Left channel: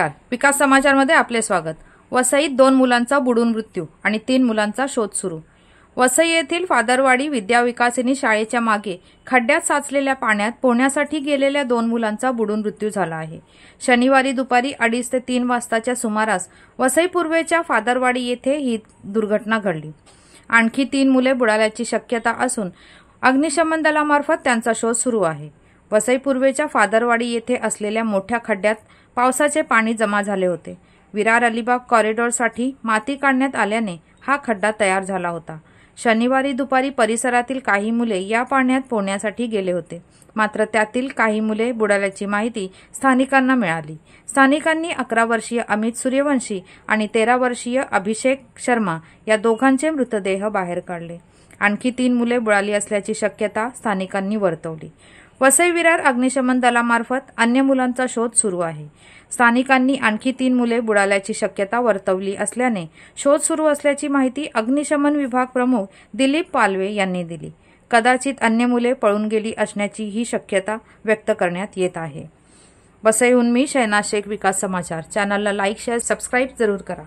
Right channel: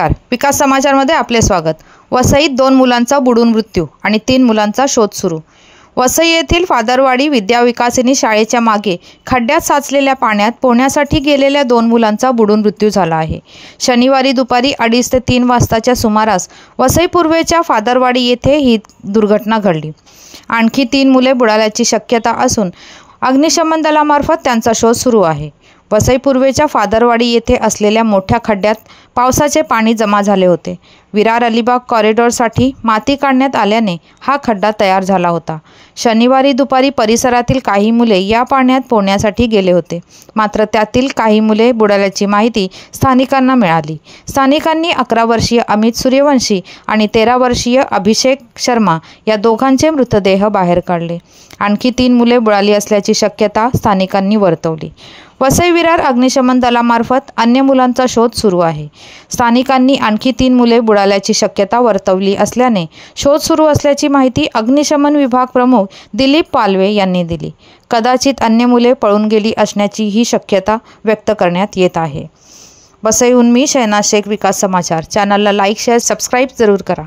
नमस्कार, विकास समाचारमध्ये आपले स्वागत। वसईत 2 मुलांचा बुडून मृत्यू आणि 3 मुलांचा शोध सुरू। वसई येथील फादरवाडी विद्याविकासिनी शाळेच्या मागे खड्ड्यात साचलेल्या पाण्यात पोहण्यासाठी गेलेल्या 2 मुलांचा बुडून मृत्यू झाला आहे। शनिवारी दुपारी 2:30 ते 3 वाजताच्या सुमारास वसई पूर्वेच्या फादरवाडी येथे ही दुर्घटना घडली। आणखी 3 मुले बुडाल्याची शक्यता असून अग्निशमन दलामार्फत त्यांचा शोध सुरू आहे। वसई पूर्वेच्या फादरवाडी येथे असलेल्या मोठ्या खड्ड्यात पावसाचे पाणी जमा झाले होते। विरार अलिबाग कॉरिडॉरसाठी माती काढण्यात आल्याने हा खड्डा तयार झाला होता। शनिवारी दुपारी परिसरातील काही मुले या पाण्यात पोहण्यासाठी गेले होते, मात्र त्यातील काही मुले बुडाल्याची माहिती स्थानिकांना मिळाली। स्थानिकांनी 11 वर्षीय अमित सूर्यवंशी आणि 13 वर्षीय अभिषेक शर्मा या दोघांचे मृतदेह बाहेर काढले। आणखी 3 मुले बुडाली असल्याची शक्यता स्थानिकांनी वर्तवली। वसई विरार अग्निशमन दलामार्फत अन्य मुलांचा शोध सुरू आहे। स्थानिकांनी आणखी 3 मुले बुडाल्याची शक्यता वर्तवली असल्याने शोध सुरू असल्याची माहिती अग्निशमन विभाग प्रमुख दिलीप पालवे यांनी दिली। कदाचित अन्य मुले पळून गेली असण्याची ही शक्यता व्यक्त करण्यात येत आहे। वसईहून मी शहनाज शेख, विकास समाचार। चॅनलला लाईक, शेअर, सबस्क्राईब जरूर करा।